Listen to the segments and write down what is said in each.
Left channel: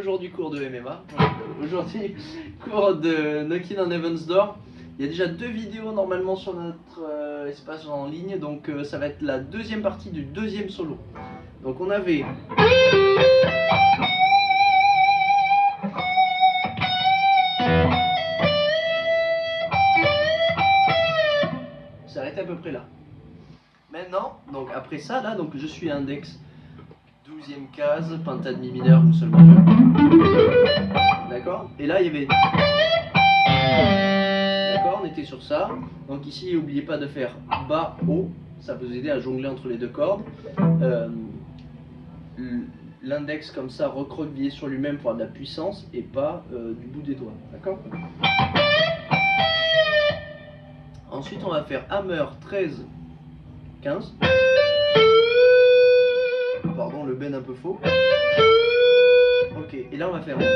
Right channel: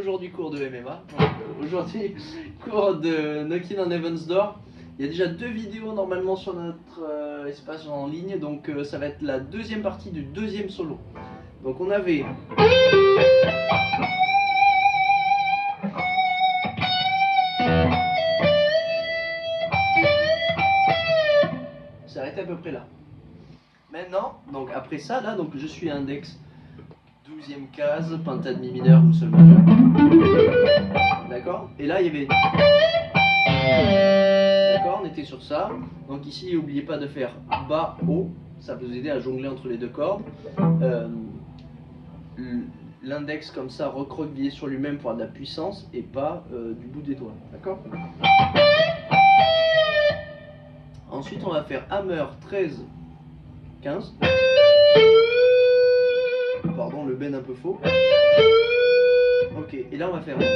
Aujourd'hui cours de MMA, aujourd'hui cours de Knockin' on Heaven's Door. Il y a déjà 2 vidéos normalement sur notre espace en ligne, donc ça va être la deuxième partie du deuxième solo. Donc on avait... s'arrêter à peu près là. Maintenant, donc après ça, là, donc je suis index 12e case, penta demi mineur ou sol majeur. D'accord? Et là, il y avait... D'accord, on était sur ça. Donc ici, n'oubliez pas de faire bas, haut. Ça peut vous aider à jongler entre les deux cordes. L'index comme ça, recroquevillé sur lui-même pour avoir de la puissance et pas du bout des doigts. D'accord? Ensuite, on va faire hammer 13, 15. Pardon, le bend un peu faux. Ok, et là on va faire 13.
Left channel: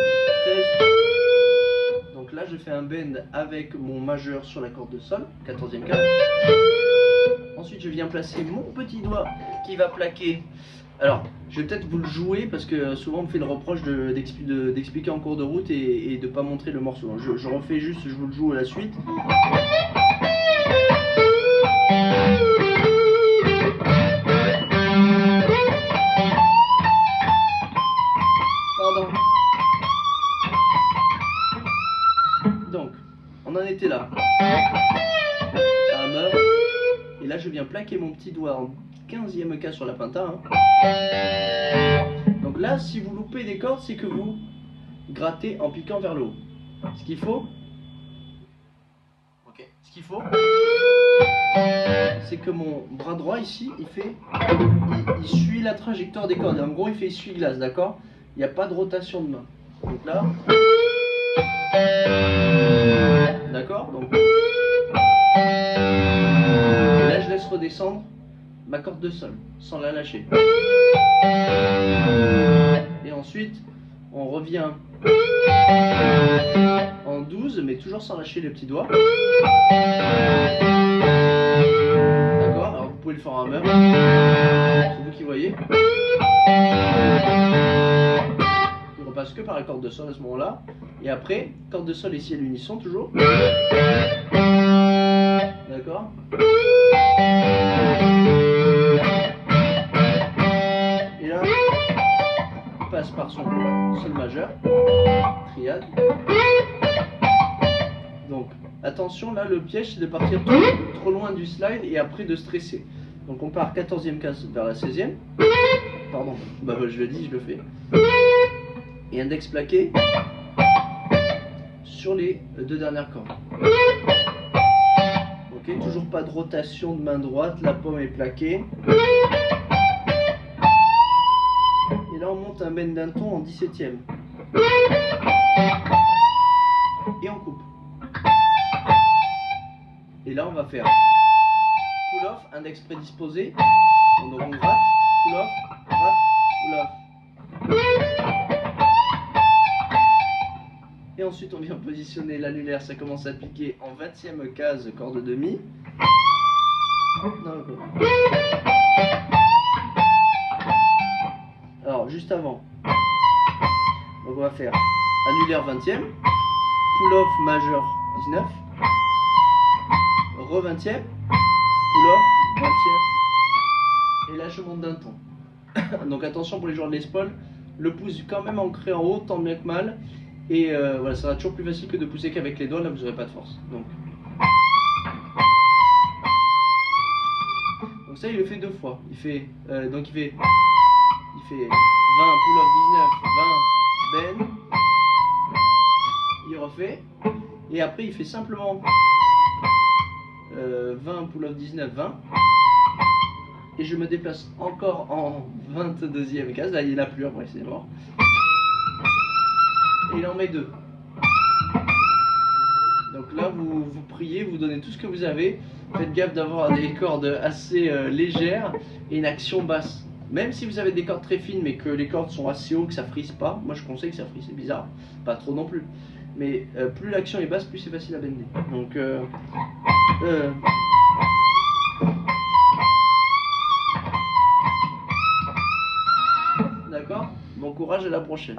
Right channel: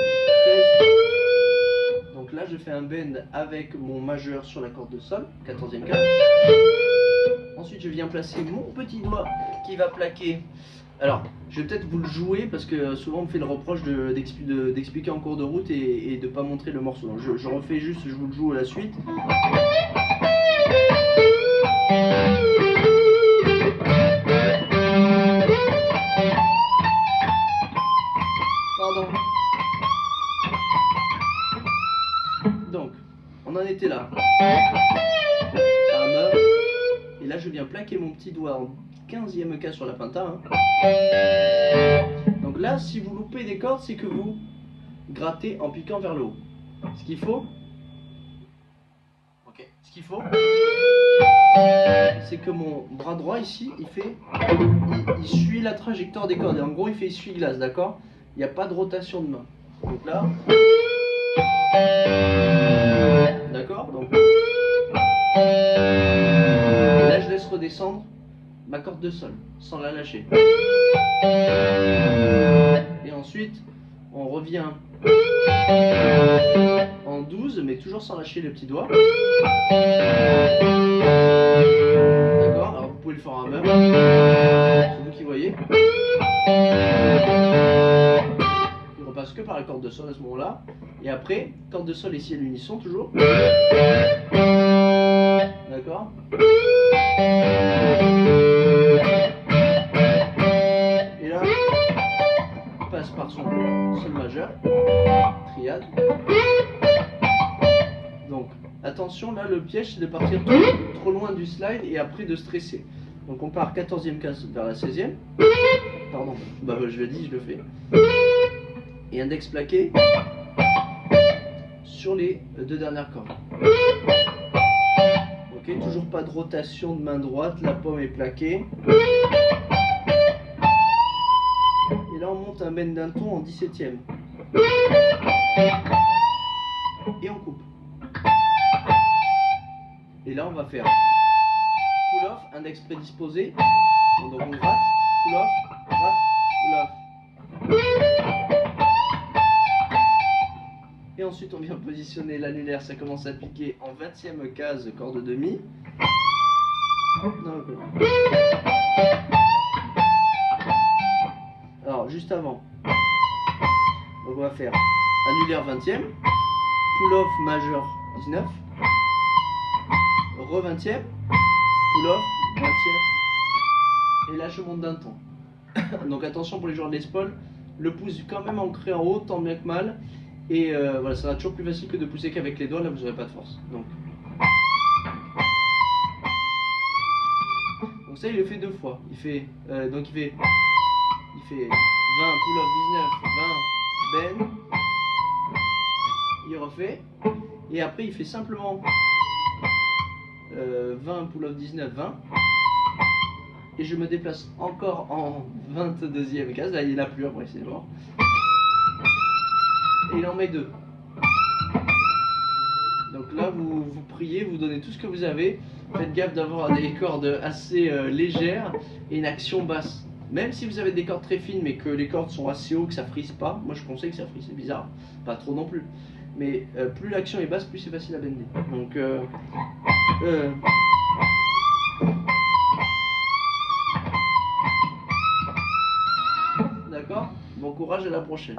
Donc là je fais un bend avec mon majeur sur la corde de sol, 14e case. Ensuite je viens placer mon petit doigt qui va plaquer. Alors je vais peut-être vous le jouer parce que souvent on me fait le reproche d'expliquer en cours de route et de ne pas montrer le morceau. Donc je refais juste, je vous le joue à la suite. Pardon. Donc, on en était là. Hammer. Et là, je viens plaquer mon petit doigt en 15e case sur la penta. Donc là, si vous loupez des cordes, c'est que vous grattez en piquant vers le haut. Ce qu'il faut, c'est que mon bras droit ici, il suit la trajectoire des cordes. Et en gros, il fait essuie-glace, d'accord? Il n'y a pas de rotation de main. Donc là, d'accord? Donc, et là, je laisse redescendre ma corde de sol, sans la lâcher. Et ensuite, on revient en 12, mais toujours sans lâcher le petit doigt. D'accord? Alors, vous pouvez le faire en hammer. C'est vous qui voyez. Il repasse que par la corde de sol à ce moment-là. Et après, corde de sol ici à l'unisson toujours. D'accord? Et là, il passe par son sol majeur, triade. Donc, attention, là, le piège, c'est de partir trop loin du slide et après de stresser. Donc, on part 14e case vers la 16e. Pardon, bah, je le dis, je le fais. Et index plaqué sur les 2 dernières cordes. Ok, toujours pas de rotation de main droite, la paume est plaquée. Et là, on monte un bend d'un ton en 17e. Et on coupe. Et là, on va faire pull-off, index prédisposé. Donc on gratte, pull-off, gratte, pull-off. Et ensuite, on vient positionner l'annulaire, ça commence à piquer en 20e case, corde demi. Non, okay. Alors, juste avant, donc on va faire annulaire 20e, pull-off majeur 19, re-20e, pull-off 20e, et là je monte d'un ton. Donc attention pour les joueurs de l'espaule, le pouce quand même ancré en haut, tant bien que mal. Et voilà, ça sera toujours plus facile que de pousser qu'avec les doigts, là vous n'aurez pas de force. Donc ça il le fait 2 fois. Il fait 20 pull-off 19, 20 bend. Il refait. Et après il fait simplement 20 pull-off 19, 20. Et je me déplace encore en 22e case. Là il n'y en a plus après, c'est mort. Et il en met 2. Donc là, vous priez, vous donnez tout ce que vous avez. Faites gaffe d'avoir des cordes assez légères et une action basse. Même si vous avez des cordes très fines, mais que les cordes sont assez hautes, que ça frise pas. Moi, je conseille que ça frise, c'est bizarre. Pas trop non plus. Mais plus l'action est basse, plus c'est facile à bender. Donc, d'accord? Bon courage, à la prochaine.